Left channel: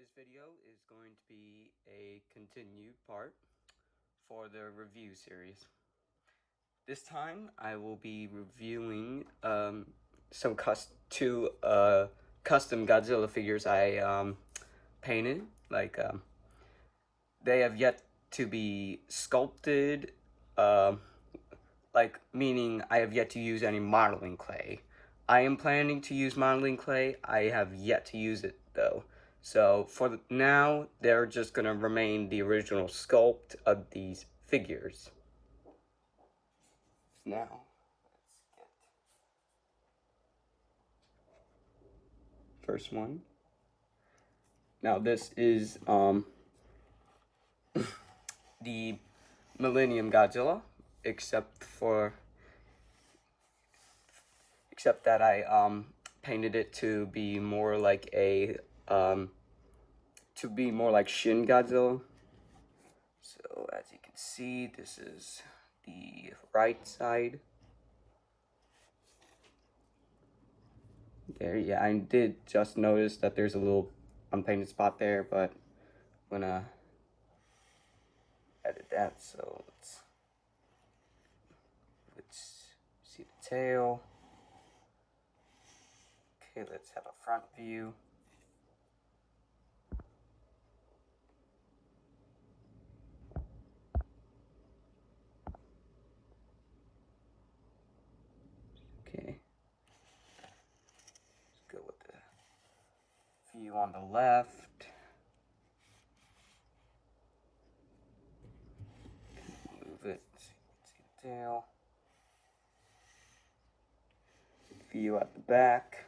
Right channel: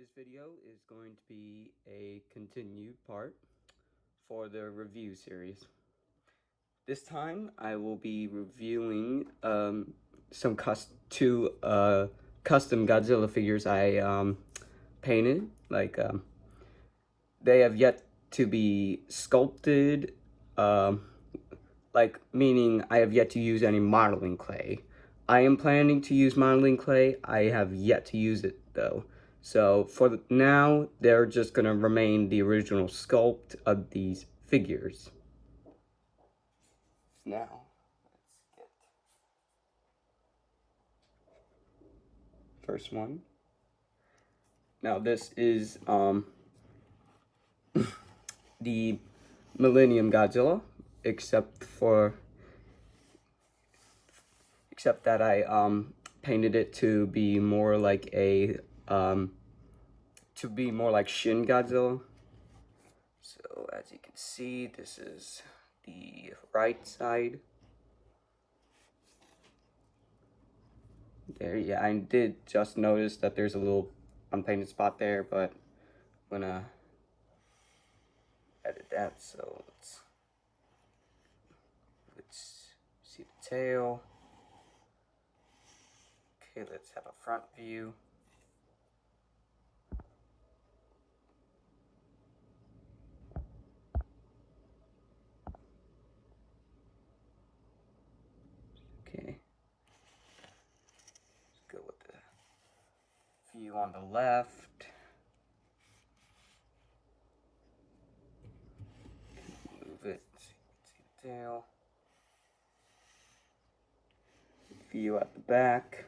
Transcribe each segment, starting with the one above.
This video is going to be a continued part for the review series. This time I will be reviewing some custom Godzilla figures I painted. They have yet to be sculpted, meaning I have yet to use any modeling clay. I am planning to use modeling clay. I have yet to use it though. So for now, they're just gonna remain the original sculpt of these figures. Now, let's get first one. Now this is the Millennium Godzilla, except that I painted it to be more like Shin Godzilla. So as you can see, this is the right side. There, yeah, I did just notice that there's a little unpainted spot there, but I'm gonna edit that. So let's see the tail. Okay, let's have a front view. Okay, let's go with the view on the left. Move it so you can see the tail. View at the back.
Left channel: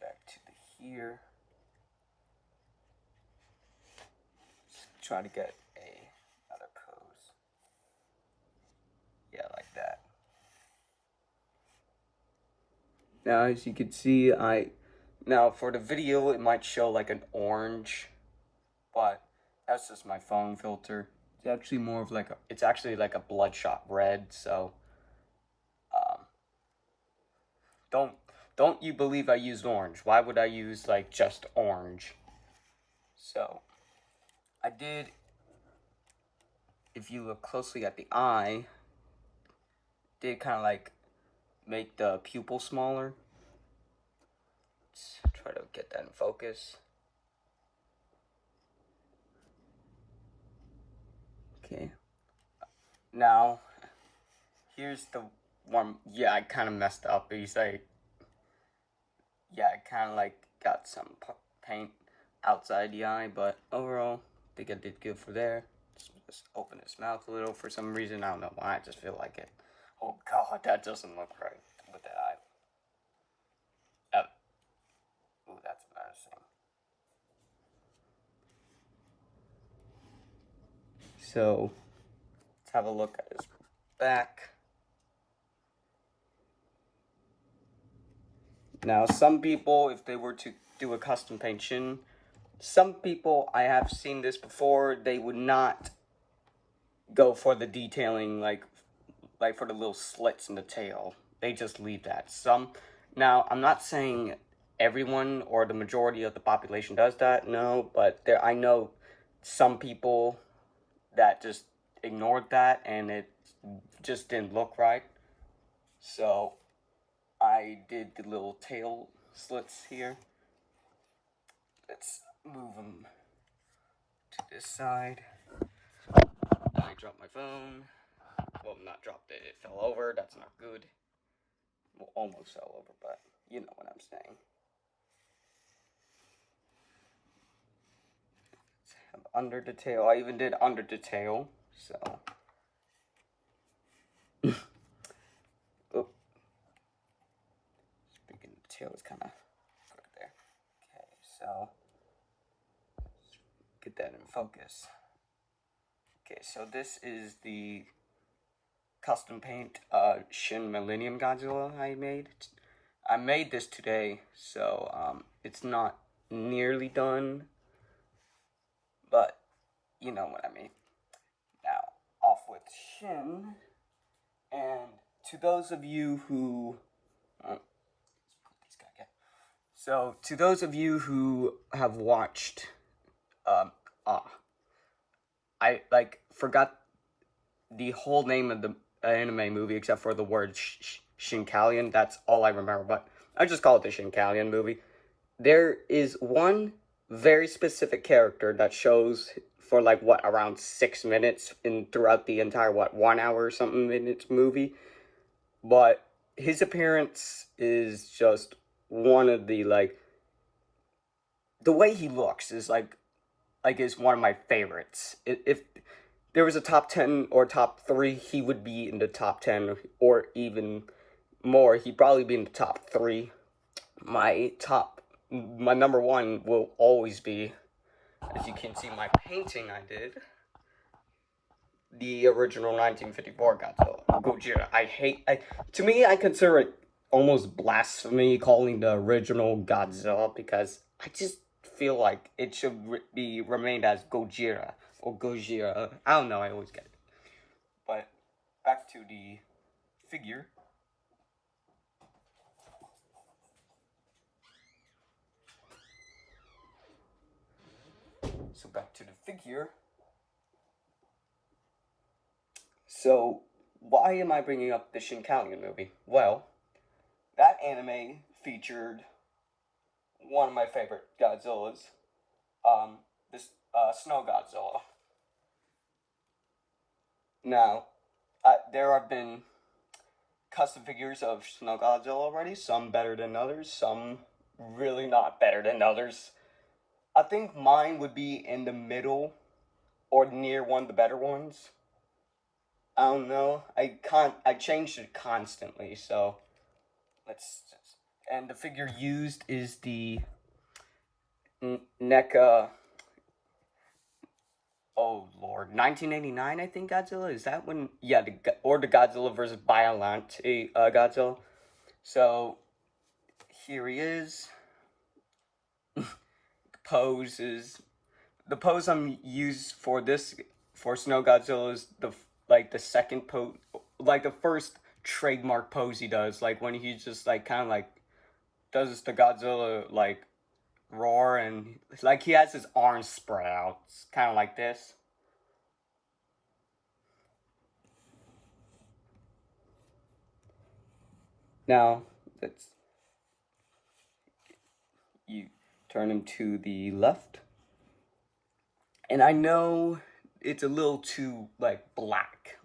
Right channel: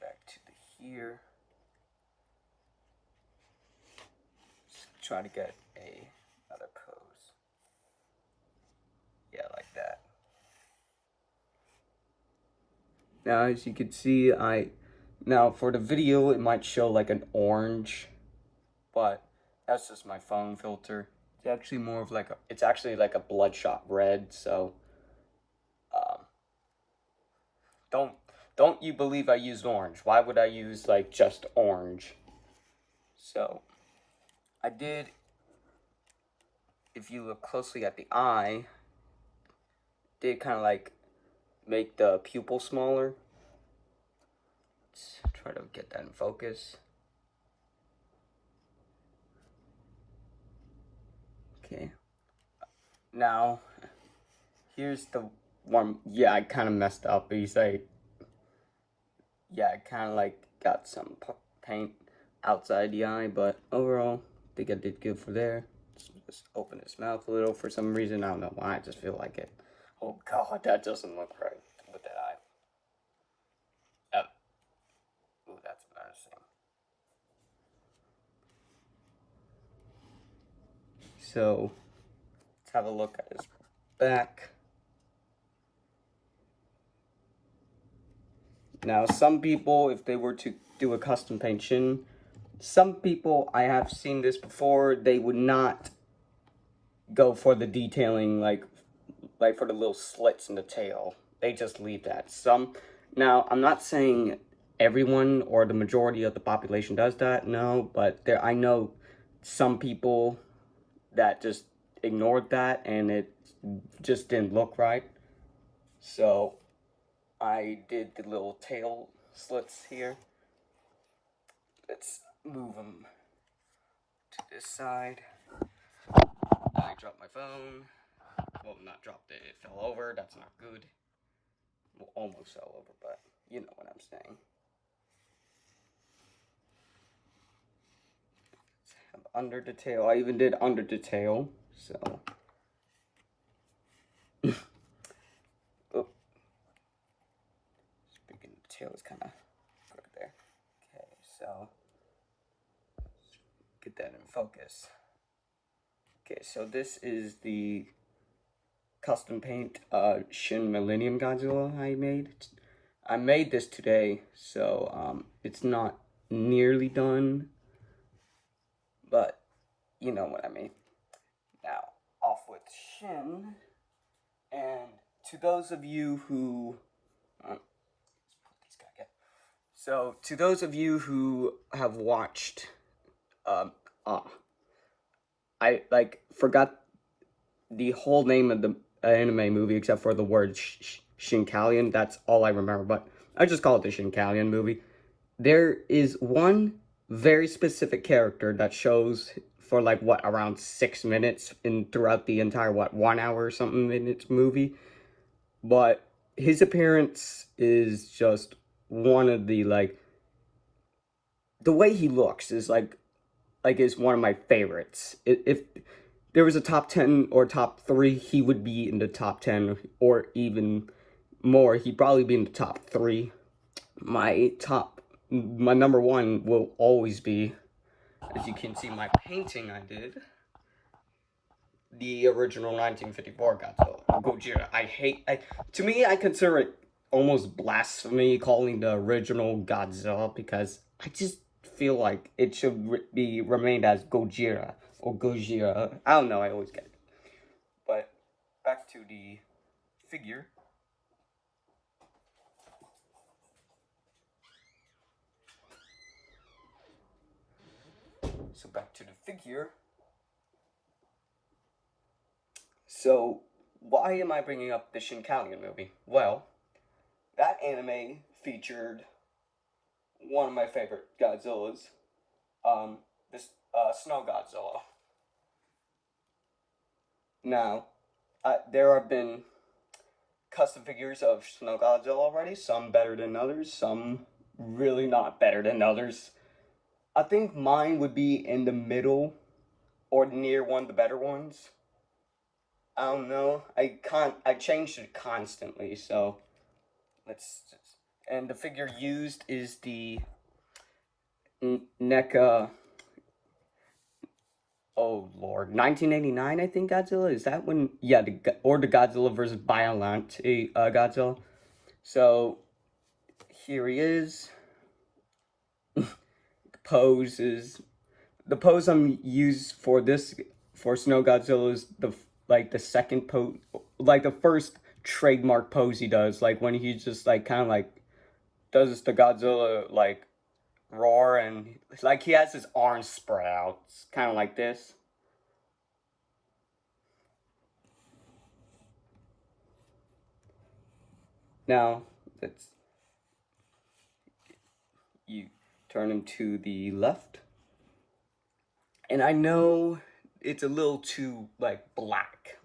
Back to the here. Try to get another pose. Yeah, like that. Now, as you can see, now for the video, it might show like an orange, but that's just my phone filter. It's actually more of like it's actually like a bloodshot red. So, don't you believe I used orange? Why would I use like just orange? So, I did, if you look closely at the eye, did kind of like make the pupil smaller. Let's try to get that in focus. Okay. Now, here's the one. Yeah, I kind of messed up. He's like, yeah, I kind of like got some paint outside the eye, but overall, I think I did good for there. Just open his mouth a little for some reason. I don't know why. I just feel like it. Oh God, that doesn't look right with that eye. Ooh, that's embarrassing. So, let's have a look at his back. Now, some people, if they were to do a custom paint Shin, some people, I have seen this before, they would not go for the detailing, like for the little slits in the tail. They just leave that. Now, I'm not saying everyone or the majority of the population does that, no, but I know some people that just ignored that and it just didn't look right. So I did the little tail slits here. Let's move them to this side. I dropped my phone. Well, not dropped it, it fell over. That's not good. Well, almost fell over, but you know what I'm saying. Under the tail. I even did under the tail, so. Oh. Speaking of the tail, is kind of there. Okay, so get that in focus. Okay, so this is the custom paint Shin Millennium Godzilla I made. I made this today, so it's not nearly done, but you know what I mean. Now, off with Shin, and to those of you who, to those of you who have watched, um, uh, I forgot the whole name of the anime movie except for the word Shinkalian. That's all I remember, but I just call it the Shinkalian movie. There is one very specific character that shows for around 6 minutes throughout the entire 1 hour or something minutes movie, but his appearance is just one of the way he looks is is one of my favorites. If there was a top 10 or top 3, he would be in the top 10 or even more. He'd probably be in the top 3. My number 1 will always be, as you can see my painting I did, the original 1954 Godzilla. To me, I consider it almost blasphemy calling the original Godzilla, because I just feel like it should be remained as Gojira or Gojira. I don't know, I always get it. But back to the figure. So back to the figure. So why am I bringing up the Shinkalian movie? Well, that anime featured one of my favorite Godzillas, this Snow Godzilla. Now, there have been custom figures of Snow Godzilla already, some better than others, some really not better than others. I think mine would be in the middle or near one of the better ones. I don't know. I changed it constantly, so and the figure used is the NECA. Oh Lord, 1989, I think Godzilla, is that when? Yeah, the Godzilla versus Biollante Godzilla. So here he is. The pose I'm used for Snow Godzilla is the second pose, the first trademark pose he does, when he just kind of does the Godzilla roar, and he has his arms spread out. It's kind of like this. Now you turn him to the left, and I know it's a little too black,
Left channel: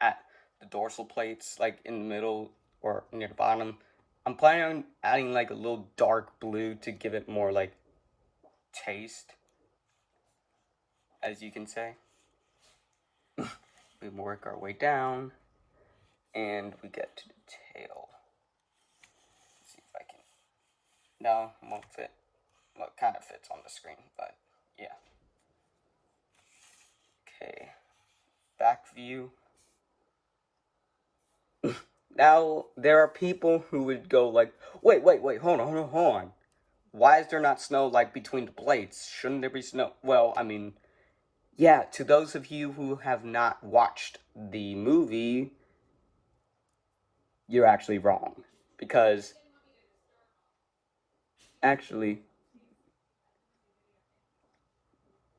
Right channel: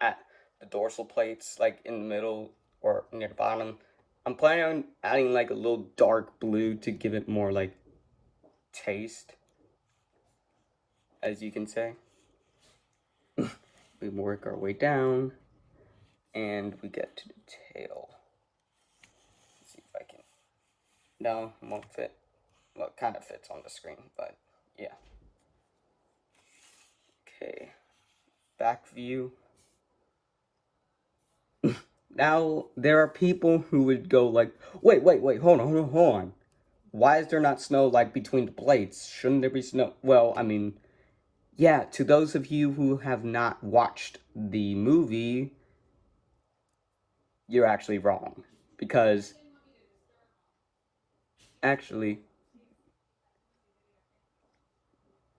at the dorsal plates, in the middle or near the bottom. I'm planning on adding a little dark blue to give it more taste, as you can say. We work our way down, and we get to the tail. Let's see if I can. No, it won't fit. Well, it kind of fits on the screen, but yeah. Okay, back view. Now, there are people who would go wait, hold on. Why is there not snow between the plates? Shouldn't there be snow? Well, I mean, yeah, to those of you who have not watched the movie, you're actually wrong. Because, actually,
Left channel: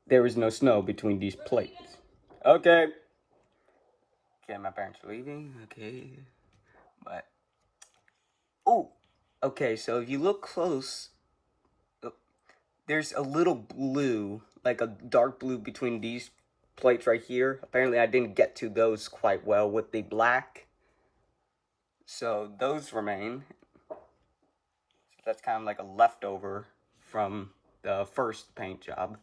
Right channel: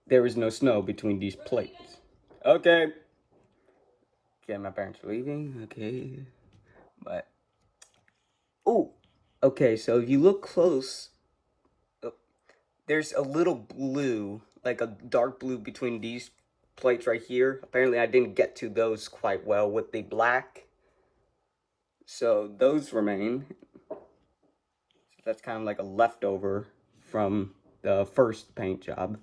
there is no snow between these plates. Okay, my parents are leaving, okay. But, oh, okay, so if you look close, there's a little blue, a dark blue between these plates right here. Apparently I didn't get to those quite well with the black, so those remain. So that's kind of a leftover from the first paint job.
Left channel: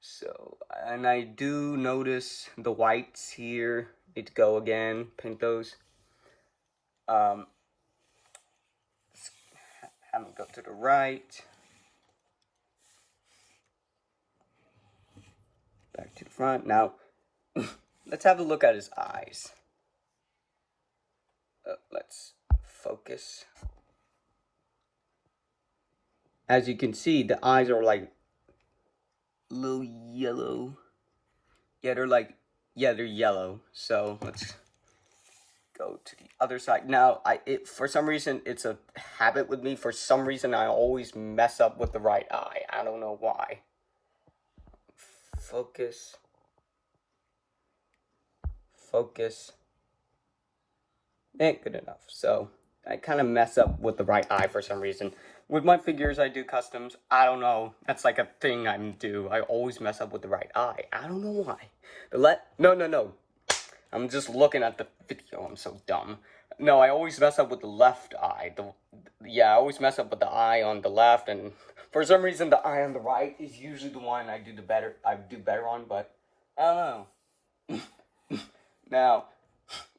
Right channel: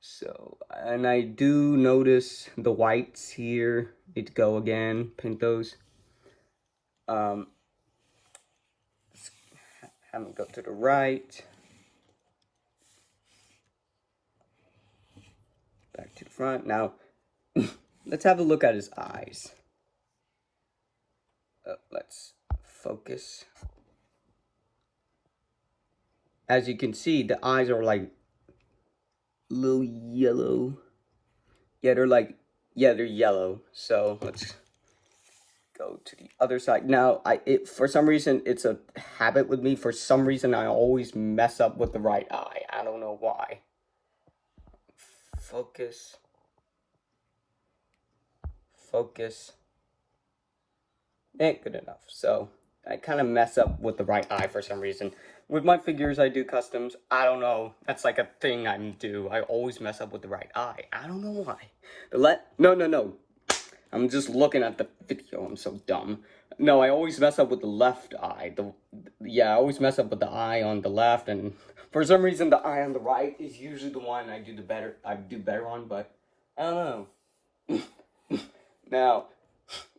So, and I do notice the whites here. Need to go again, paint those. Have them go to the right. Back to the front. Now, let's have a look at his eyes. Let's focus. As you can see, the eyes are a little yellow. Yeah, they're Yeah, they're yellow. So let's go to the other side. Now, for some reason, it's a habit with me. For some reason, I always mess up with the right eye. I don't know why. Focus. Focus. Ain't good enough. So, I kind of mess up with the right eye for some reason. With my figures, I do customs. I don't know. That's like a thing I do. I always mess up with the right eye. I don't know why. No. I'm just looking at the video. I'm so dumb. No, I always mess up with the left eye. I always mess up with the eye on the left, and for some reason, the eye on the right is usually the one I do better on. But I don't know. Now,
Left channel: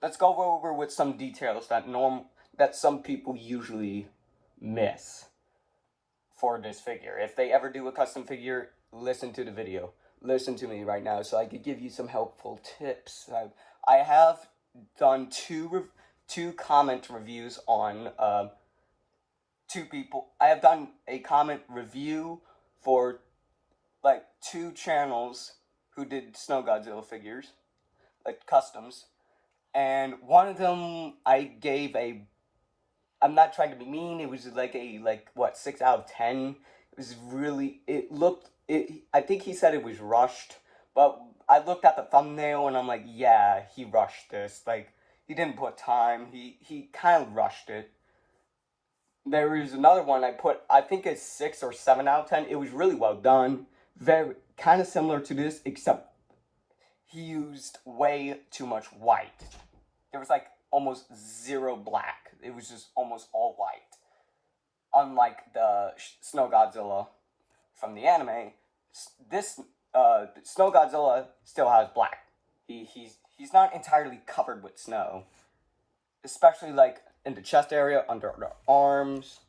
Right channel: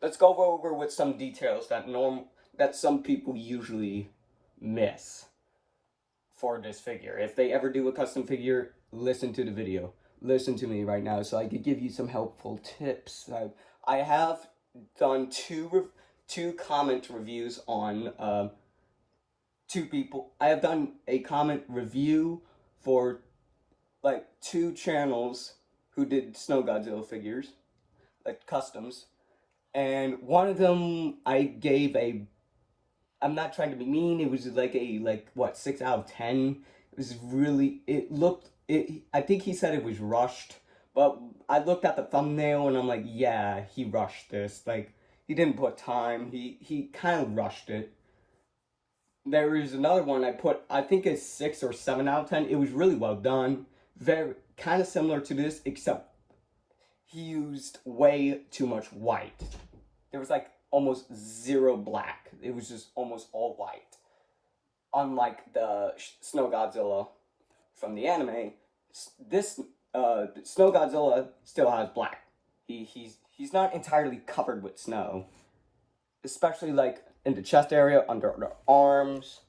let's go over with some details that some people usually miss for this figure. If they ever do a custom figure, listen to the video. Listen to me right now so I can give you some helpful tips. I have done two comment reviews on two people. I have done a comment review for like 2 channels who did Snow Godzilla figures, like customs, and one of them I gave I'm not trying to be mean, it was like 6 out of 10. It was really, I think he said it was rushed, but I looked at the thumbnail and I'm like, yeah, he rushed this. Like, he didn't put time, he kind of rushed it. There is another one I think it's 6 or 7 out of 10. It was really well done. Very, kind of similar to this, except he used way too much white. There was like almost zero black. It was just almost all white. Unlike the Snow Godzilla from the anime, this Snow Godzilla still has black. He's not entirely covered with snow, especially like in the chest area, under the arms,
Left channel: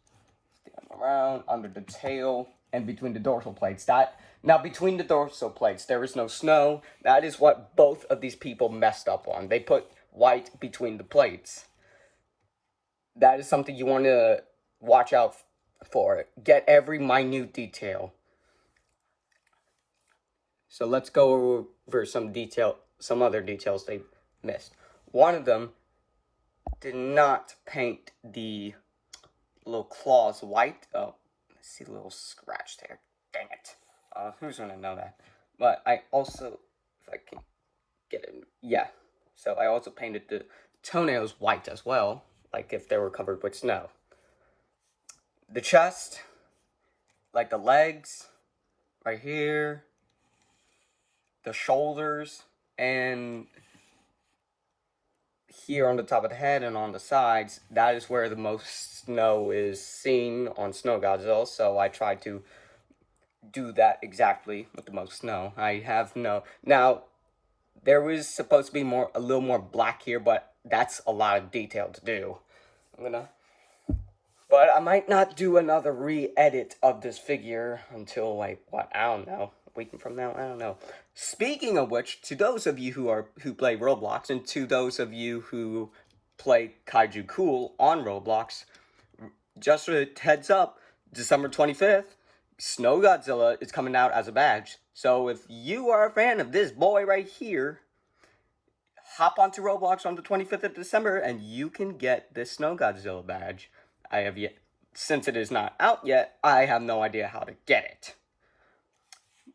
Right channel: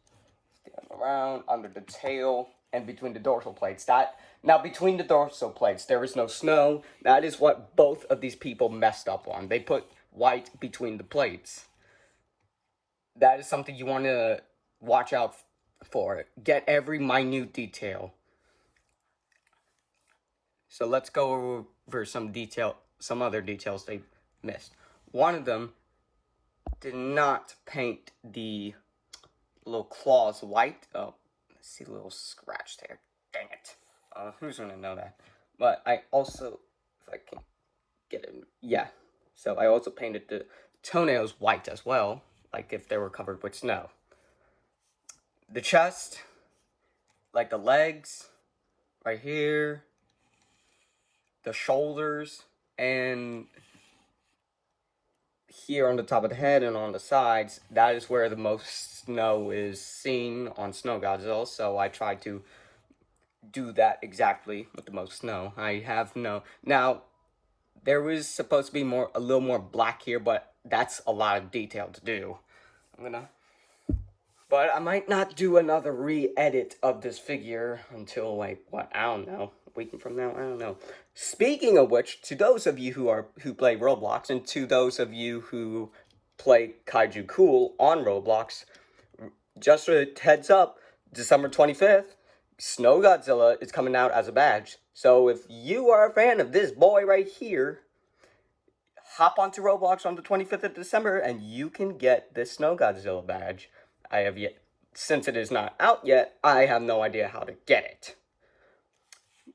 around, under the tail, and between the dorsal plates. Now, between the dorsal plates, there is no snow. That is what both of these people messed up on. They put white between the plates. That is something you want to watch out for. Get every minute detail. So let's go over some other details they missed. One of them did not paint the little claws white. Oh, I see a little scratch there. Dang it. Who's gonna know that? But I also, if I can get it, yeah. So I also painted the toenails white as well, like if they were covered with snow. The chest, like the legs, right here, the shoulders, and here on the top of the head and on the sides, that is where the most snow is seen on Snow Godzilla, so I tried to do that exactly with the most snow. I have no... Now, there was supposed to be a little more black here, but that's a lot of detail to do. But I might not do another re-edit of this figure until, like, what, I don't know, a week from now, I don't know. Speaking of which, to those of you who play Roblox, and to those of you who play Kaiju Cool on Roblox, just a heads up, December 25th, Snow Godzilla is coming out as a badge. So if you are a fan of this boy right here, hop onto Roblox on the 25th of December and you can get this Snow Godzilla badge. Since it is not out yet, I have no idea how to get it.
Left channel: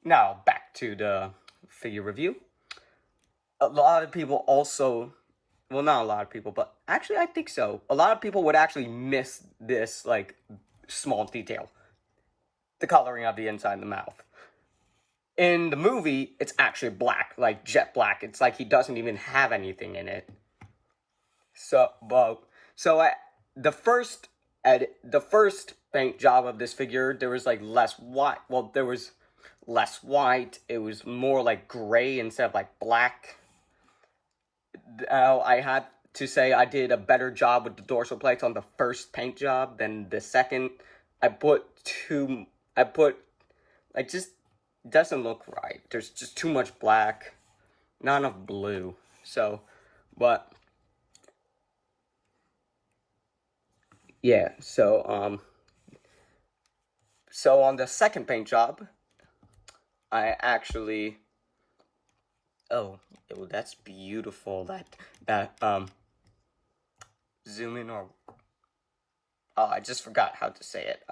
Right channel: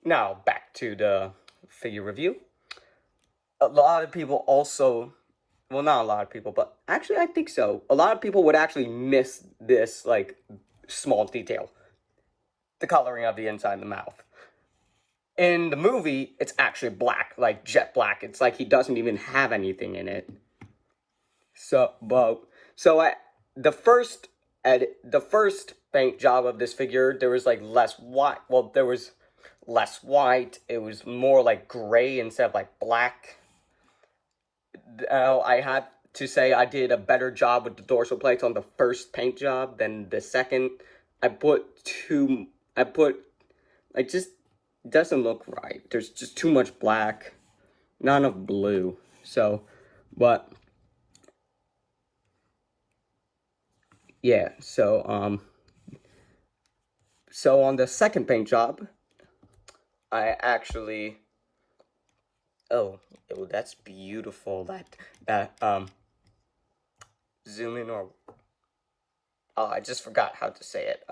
Now, back to the figure review. A lot of people also, well, not a lot of people, but actually I think so. A lot of people would actually miss this, like, small detail. The coloring of the inside of the mouth. In the movie, it's actually black, like jet black. It's like he doesn't even have anything in it. The first paint job of this figure, there was like less white. Well, there was less white. It was more like gray instead of like black. Now, I had to say I did a better job with the dorsal plates on the first paint job than the second. Like, just doesn't look right. There's just too much black, not enough blue. So, but yeah. So on the second paint job, I actually Oh, that's beautiful. Zoom in or oh, I just forgot how to say it.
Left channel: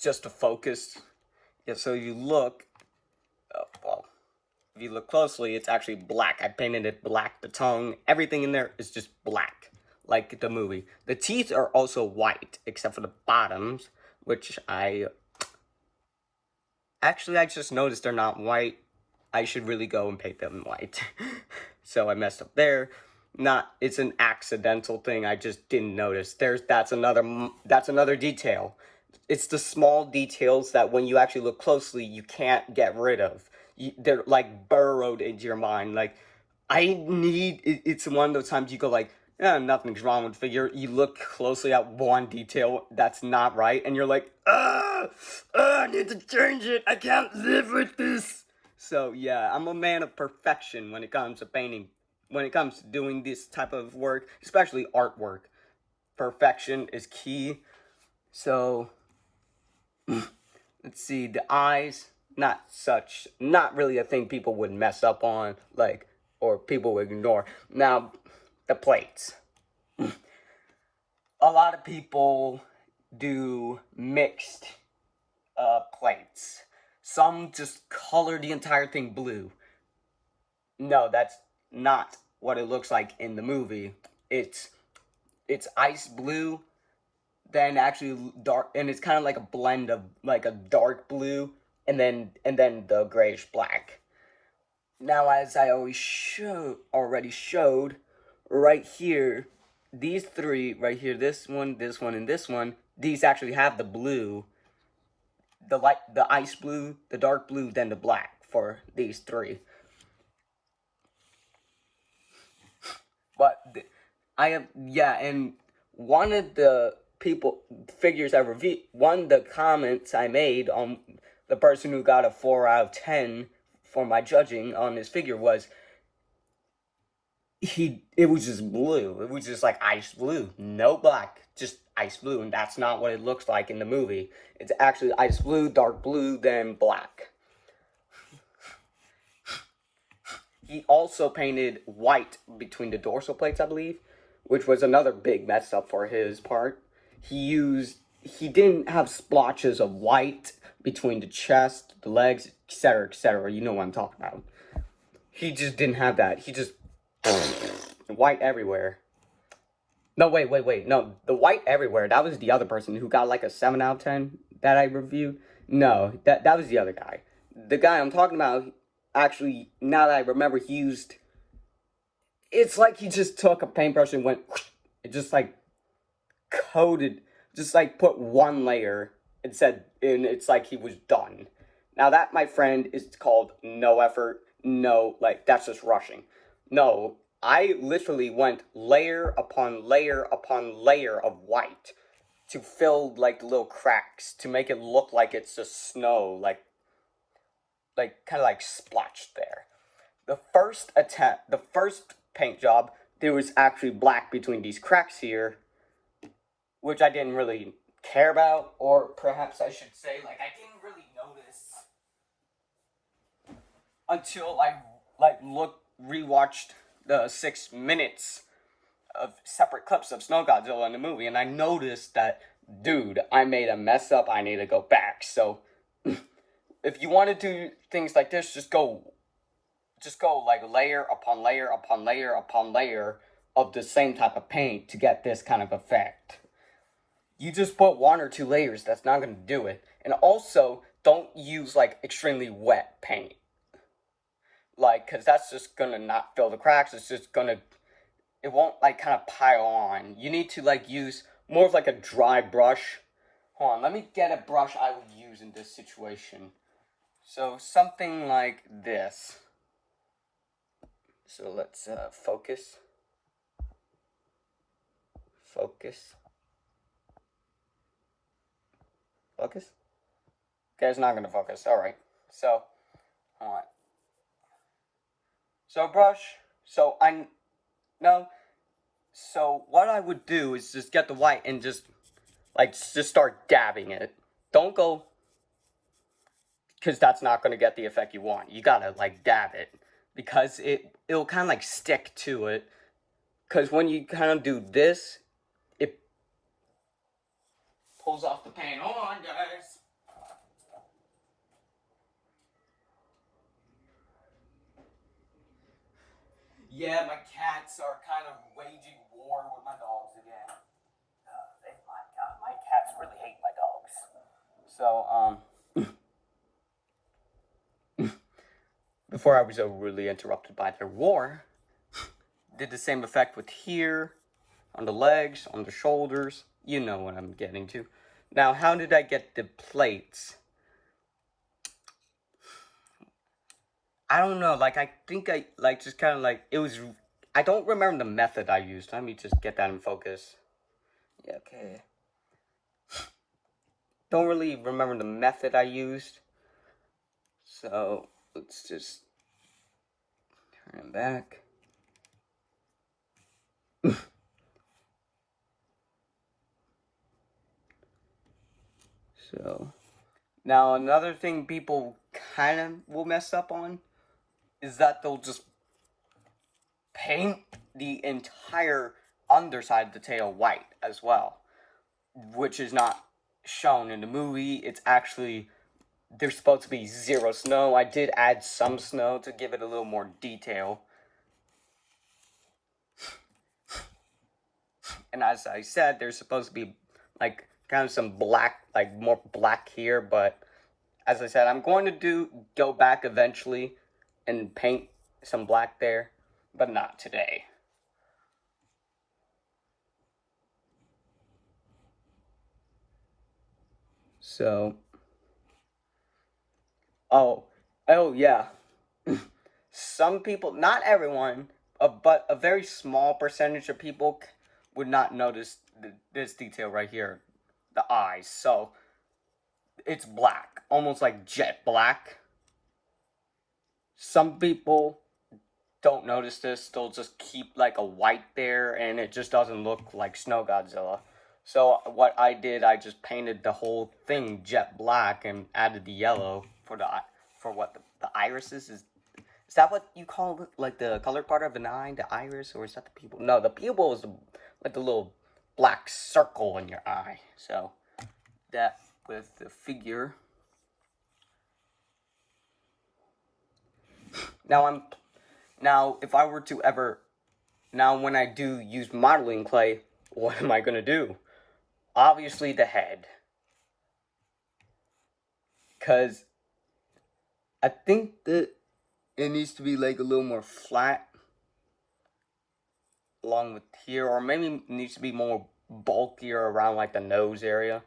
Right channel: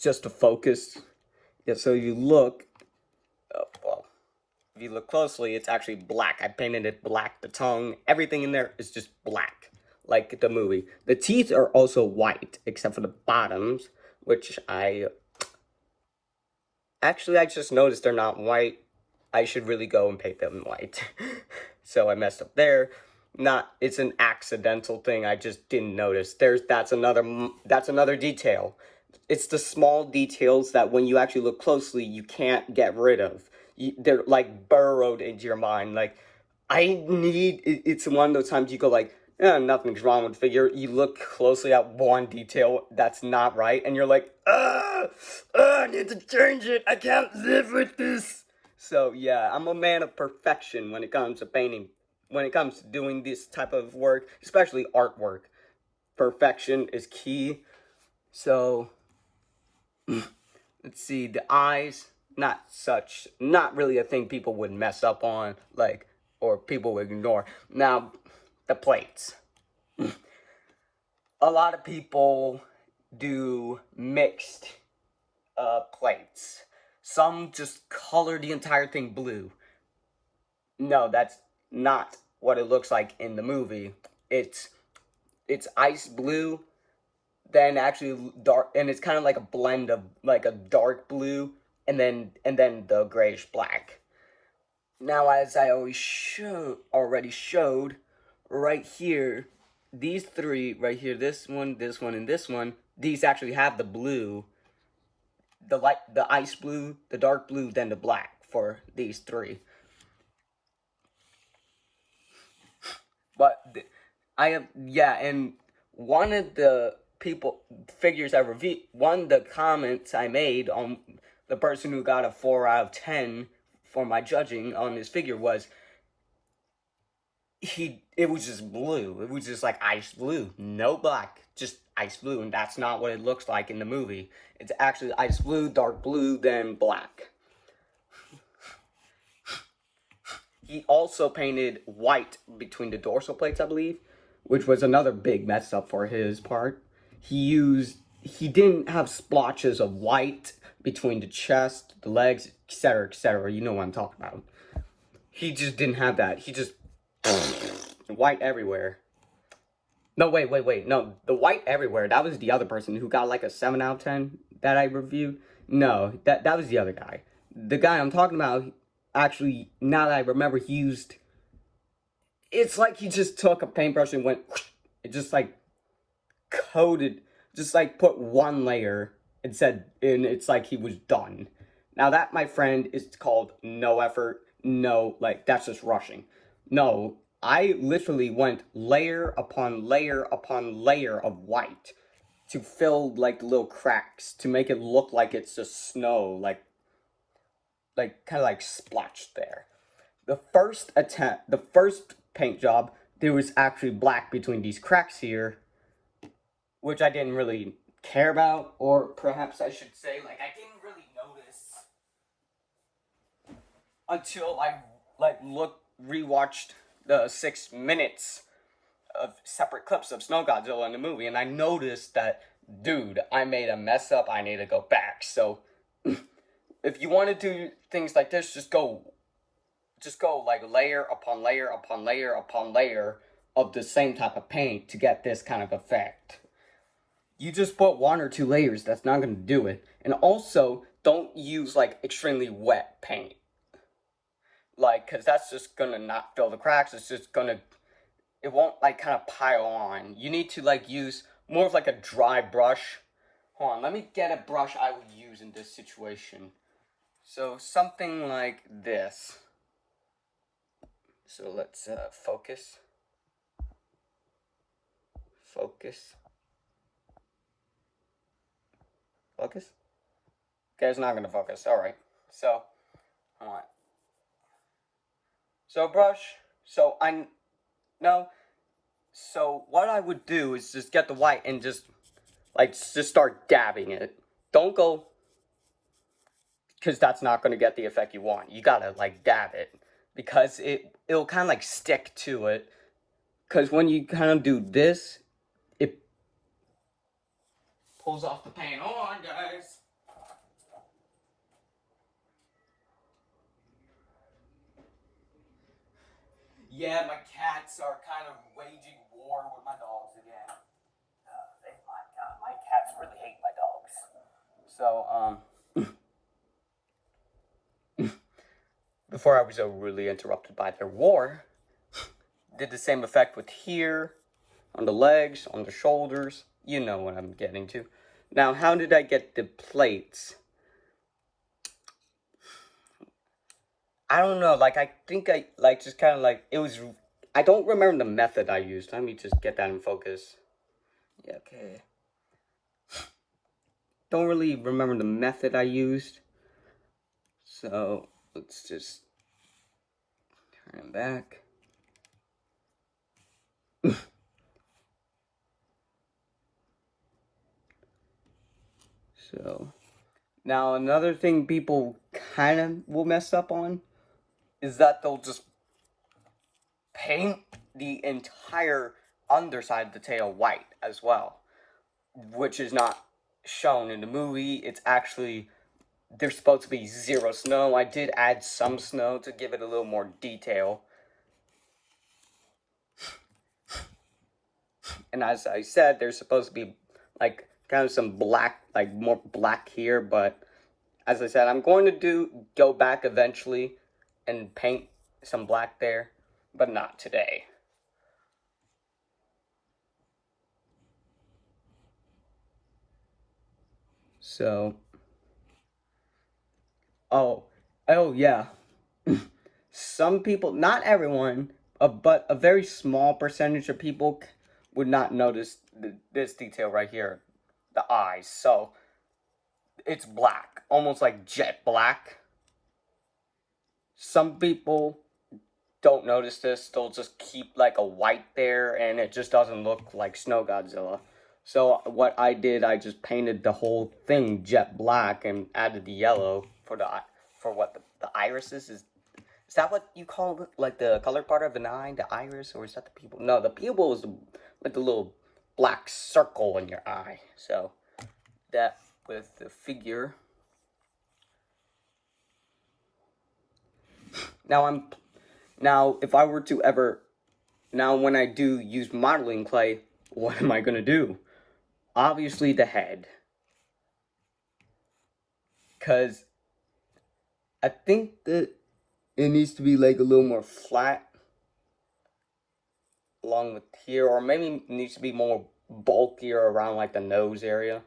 Just to focus. Yeah, so you look. Well, if you look closely, it's actually black. I painted it black. The tongue, everything in there is just black, like the movie. The teeth are also white, except for the bottoms, which I just noticed they're not white. I should really go and paint them white. So I messed up there. It's an accidental thing. I just didn't notice. That's another detail. It's the small details that when you actually look closely, you can't get rid of. They're like burrowed into your mind. Like, it's one of those times you go like, nothing's wrong with the figure. You look closely at one detail that's not right, and you're like, I need to change it. I can't live with this. So yeah, I'm a man of perfection when it comes to painting. When it comes to doing this type of work, especially artwork, perfection is key. So let's see, the eyes, not really a thing people would mess up on, like, or people would ignore. Now, the plates. A lot of people do mixed plates. Some just color the entire thing blue. No, that's not what it looks like in the movie. It's ice blue, then actually dark, and it's kind of like a blend of like a dark blue and then the grayish black. Now, as I already showed right here, these three right here, this one, and this one, these actually have the blue, the ice blue, the dark blue, then the black for these three. But and one of the one of the comments I made on the person who got a 4 out of 10 for my judging on this figure was, it was just blue. It was just like ice blue, no black, just ice blue, and that's not what it looks like in the movie. It's actually ice blue, dark blue, then black. He also painted white between the dorsal plates, I believe, which was another big mess up for his part. He didn't have splotches of white between the chest, the legs, etc., etc. You know what I'm talking about. He just didn't have that. He just white everywhere. No, wait. No, the white everywhere, that was the other person who got like a 7 out of 10 that I reviewed. No, that was the other guy. The guy I'm talking about, actually, now that I remember, it's like he just took a paintbrush and went, it just like coated, just like put one layer and it's like he was done. Now that, my friend, is called no effort, that's just rushing. No, I literally went layer upon layer upon layer of white to fill like the little cracks to make it look like it's just snow, like kind of like splotched there. The first paint job, there was actually black between these cracks here, which I didn't really care about, or perhaps I should say, like, I didn't really notice until I rewatched the 6 minutes of separate clips of Snow Godzilla in the movie, and I noticed that, dude, I made a mess up. I need to go back. So if you want to do things like this, just go like layer upon layer upon layer upon layer of the same type of paint to get this kind of effect. You just put 1 or 2 layers, that's not going to do it. And also, don't use like extremely wet paint. Like, because that's just going to not fill the cracks. It won't like kind of pile on. You need to like use more of like a dry brush. Hold on, let me get a brush I would use in this situation. So something like this. So let's focus. Focus. Okay, it's not going to focus. Alright. So, hold on. So brush. So what I would do is just get the white and just start dabbing it. Don't go because that's not going to get the effect you want. You gotta like dab it, because it'll kind of like stick to it. Because when you kind of do this, it pulls off the paint. Hold on, guys. Yeah, my cats are kind of waging war with my dogs again. My cats really hate my dogs. So, before I was so rudely interrupted by their war, did the same effect with here, on the legs, on the shoulders. You know what I'm getting to. Now, how did I get the plates? I don't know, like, I think I, like, just kind of, like, it was, I don't remember the method I used. Let me just get that in focus. Yeah, okay. Don't really remember the method I used. So, let's just turn it back. So, now another thing people kind of will mess up on is that they'll just paint the entire underside of the tail white as well, which is not shown in the movie. It's actually, there's supposed to be zero snow. I did add some snow to give it a little more detail. And as I said, there's supposed to be like kind of some black, like more black here, but as I said, I'm going to go back eventually and paint some black there, but not today. So, oh yeah. Some people, not everyone, but a very small percentage of people would not notice this detail right here, the eyes. So, it's black, almost like jet black. Some people don't notice this, they'll just keep like a white there, and it just doesn't look like Snow Godzilla. So what I did, I just painted the whole thing jet black and added the yellow for what the irises is. Is that what you call it, like the color part of an eye, the iris, or is that the pupil? No, the pupil is like the little black circle in your eye. So that with the figure. Now if I were to ever, when I do use modeling clay, what am I gonna do? Obviously the head, because I think that it needs to be like a little more flat along with here, or maybe it needs to be more bulkier around like the nose area.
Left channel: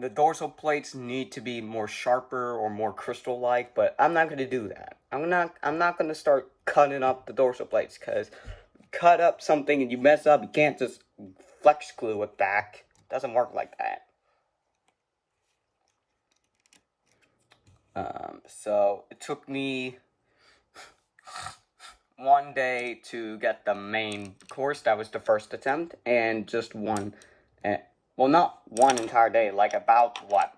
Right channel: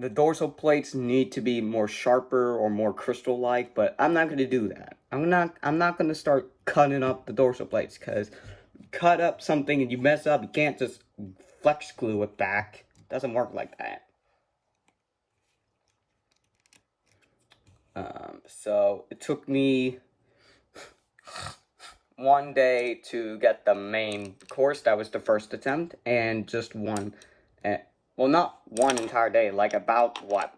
The dorsal plates need to be more sharper or more crystal-like, but I'm not going to do that. I'm not going to start cutting up the dorsal plates, because cut up something and you mess up, you can't just flex glue it back. It doesn't work like that. So it took me one day to get the main course. That was the first attempt, and just one, well, not one entire day, like about what,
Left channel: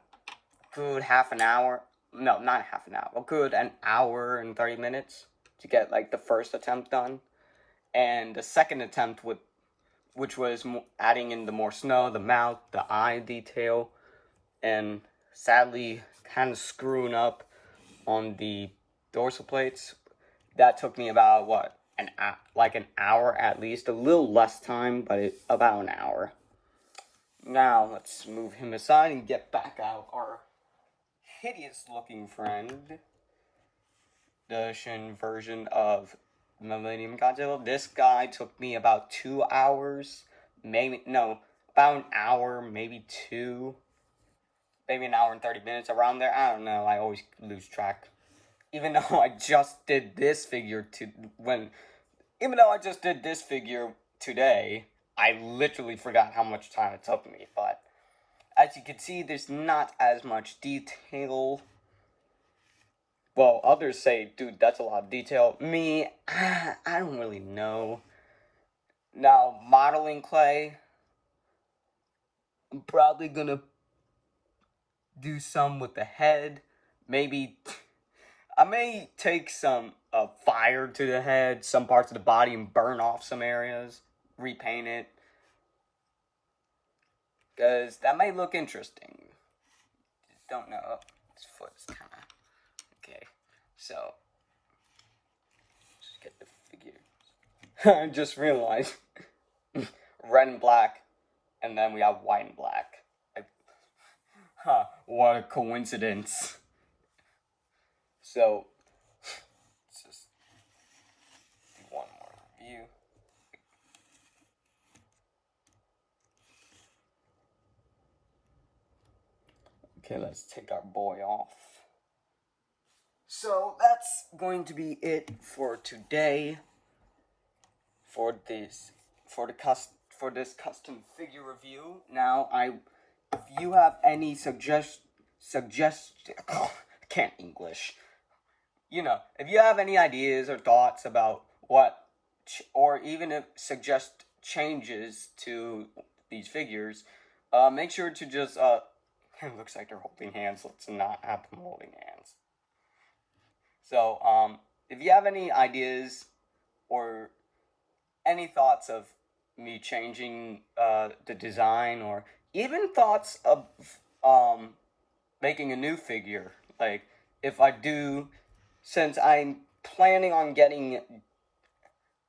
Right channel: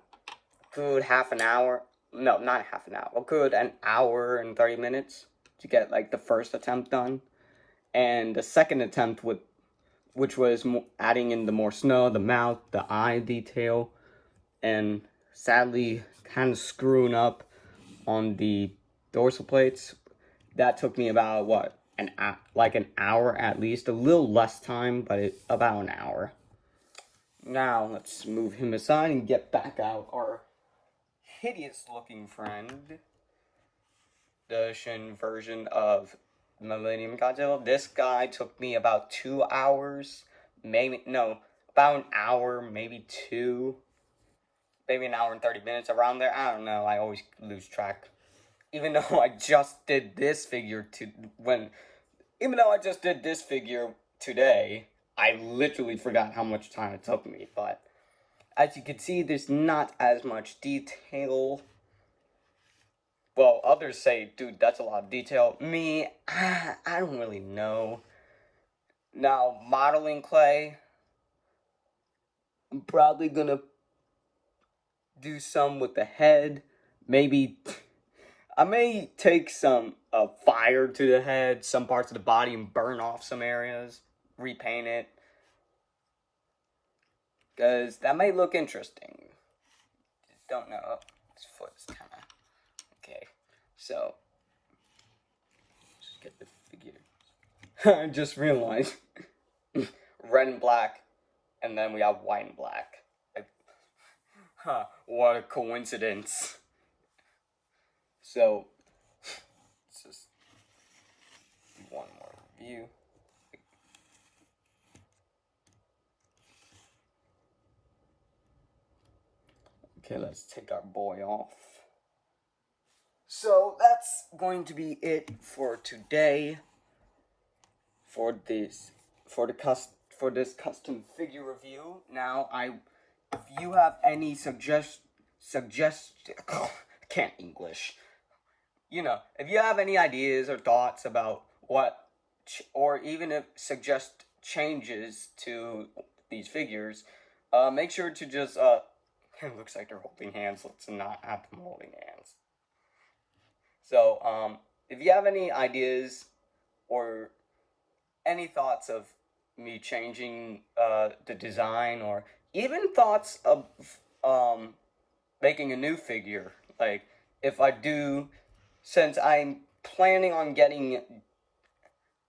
good half an hour, no, not half an hour, good an hour and 30 minutes to get like the first attempt done. And the second attempt, which was adding in the more snow, the mouth, the eye detail, and sadly kind of screwing up on the dorsal plates. That took me about what, an hour at least, a little less time, but about an hour. Now let's move him aside and get back out our hideous looking friend, the Shin version of Millennium Godzilla. This guy took me about 2 hours, about an hour, maybe two. Maybe an hour and 30 minutes, around there. I don't know. I always lose track. Even though I just did this figure today, I literally forgot how much time it took me. But as you can see, there's not as much detail. Well, others say, dude, that's a lot of detail. Me, I don't really know. Now, modeling clay, I'm probably gonna do some with the head. Maybe I may take some fire to the head, some parts of the body, and burn off some areas, repaint it, because that may look interesting. Just don't know. Oh, his foot's kind of okay. So just get the figure. I just realized red and black, and then we have white and black. Like, what a coincidence. So let's just do one more view. Okay, let's take our boy off. So that's going to be it for today. For this custom figure review. Now, if you have any can't English. You know, if you have any ideas or thoughts about or even if suggest changes to these figures, make sure to just, it looks like they're holding hands. Let's not have them holding hands. So, if you have any ideas or any thoughts of me changing the design, or even thoughts of making a new figure, like if I do, since I'm planning on getting,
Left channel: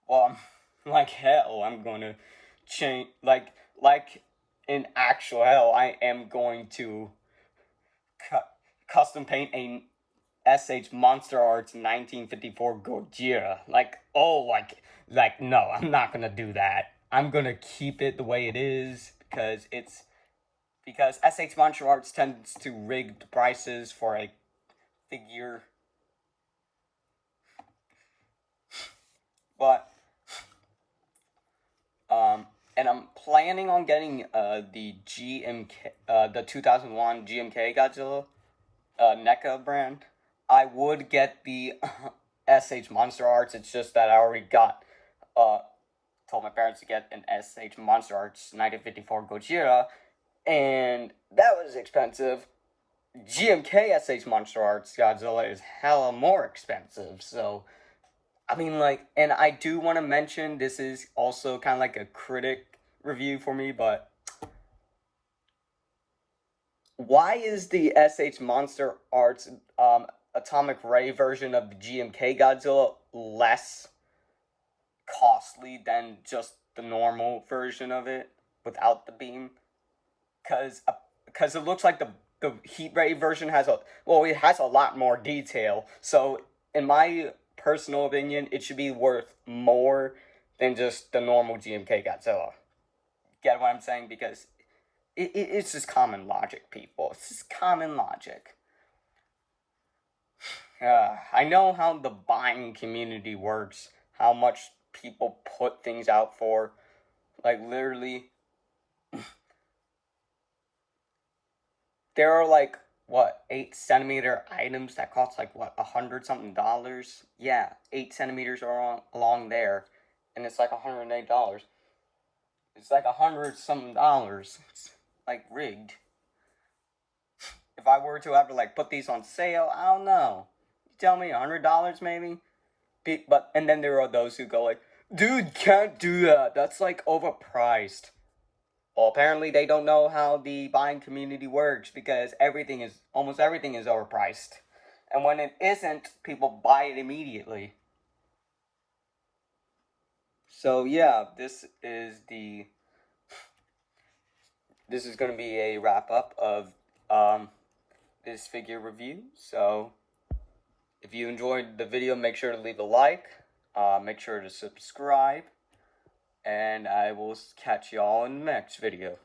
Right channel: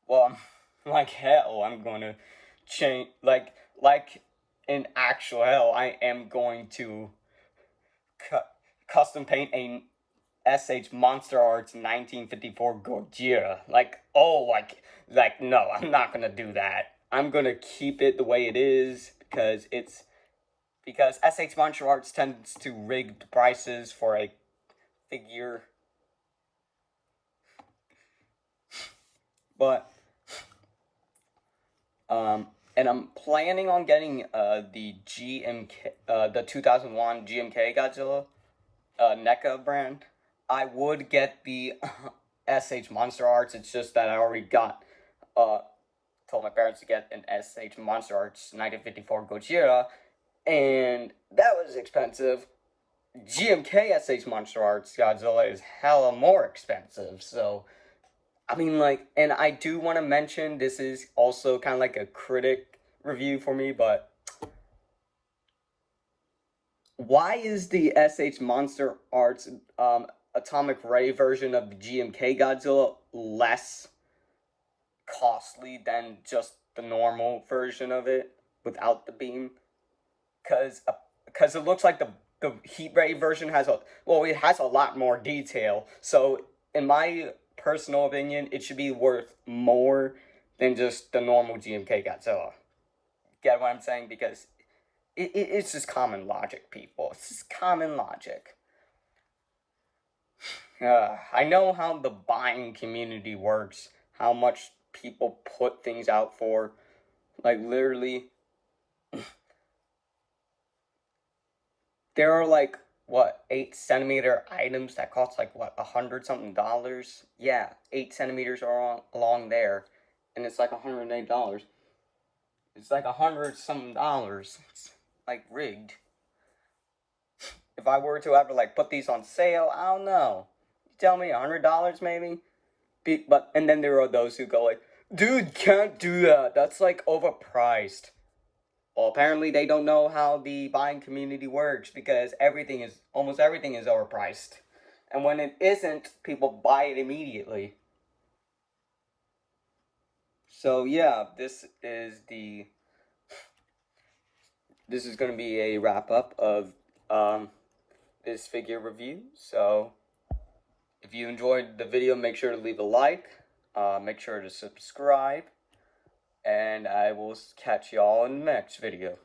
well, like hell, I'm going to change, like in actual hell, I am going to custom paint a SH Monster Arts 1954 Godzilla. No, I'm not gonna do that. I'm gonna keep it the way it is because SH Monster Arts tends to rig the prices for a figure. But and I'm planning on getting the the 2001 GMK Godzilla NECA brand. I would get the SH Monster Arts. It's just that I already told my parents to get an SH Monster Arts 1954 Godzilla, and that was expensive. GMK SH Monster Arts Godzilla is hella more expensive. So, I mean, like, and I do want to mention, this is also kind of like a critic review for me, but why is the SH Monster Arts Atomic Ray version of the GMK Godzilla less costly than just the normal version of it without the beam? Because it looks like the heat ray version has it has a lot more detail. So in my personal opinion, it should be worth more than just the normal GMK Godzilla. Get what I'm saying? Because it's just common logic, people. It's just common logic. I know how the buying community works, how much people put things out for. Like, literally, there are, like, 8-centimeter items that cost, like, $100-something? Yeah, 8 centimeters are along there, and it's like $108. It's like $100-something. It's, like, rigged. If I were to ever, like, put these on sale, I don't know. Tell me $100 maybe, and then there are those who go like, dude, can't do that, that's like overpriced. Well, apparently they don't know how the buying community works, because almost everything is overpriced, and when it isn't, people buy it immediately. So yeah, this is going to be a wrap up of this figure review. So if you enjoyed the video, make sure to leave a like, make sure to subscribe, and I will catch y'all in the next video.